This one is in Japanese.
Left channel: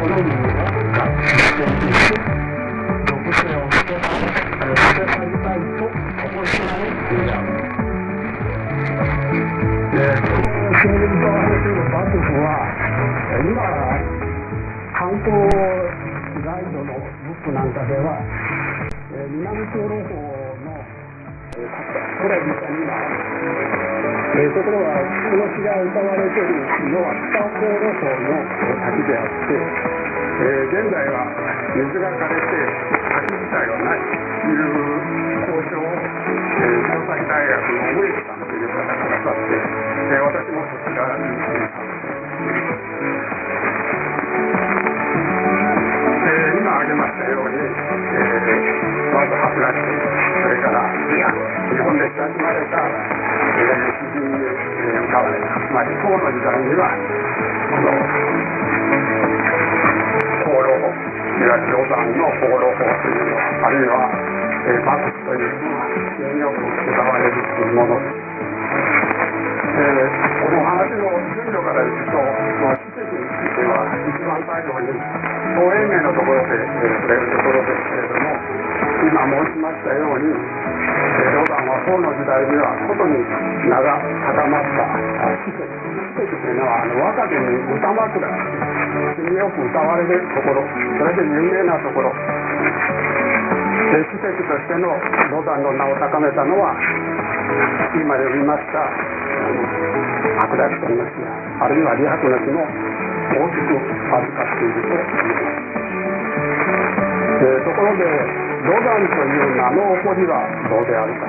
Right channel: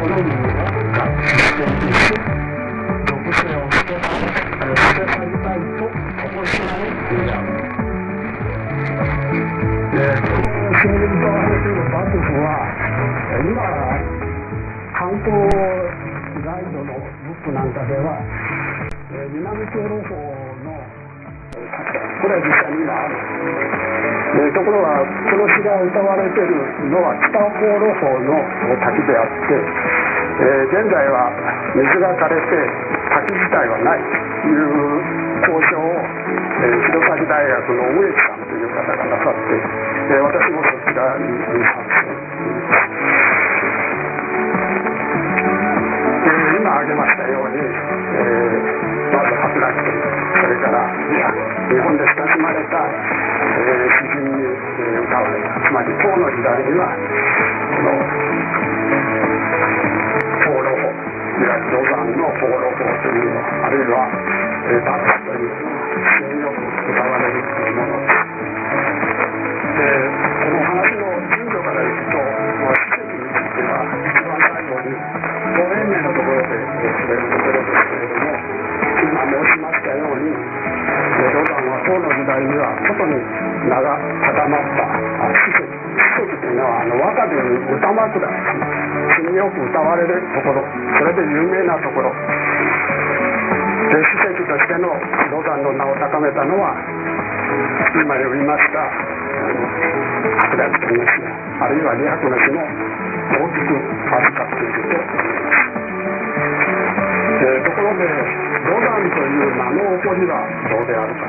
好みを実践して属性を捨て去りたいと思いしまうのである。清水と幕府は今観光ガイドのブックなんかでは南長老法のこれは実際にところがこの詩が歌われているのは北長老法の滝であって、現在は水が枯れて滝自体はないという交渉を弘前大学の植木さんという方がなさって、私もそちらに今挙げましたように、まず桜木とそれから日本で親しまれた詩人に歌われた、つまり唐の時代には放浪法、いわゆるロザンの放浪法というのは、あるいは幕府というのは信用と使われるというものです。この話の順序からいくと、史跡については一番最後に東延命のところで触れるところですけれども、今申しましたように唐の時代にはことに名が高まった史跡というのは若き歌枕、詩によく歌われるところ、それで有名なところ、史跡としてのロザンの名を定めたのは今言いました桜木という詩あるいはリアクの詩の大きく預かっていると言えます。ところでロザンという名の起こりはであるか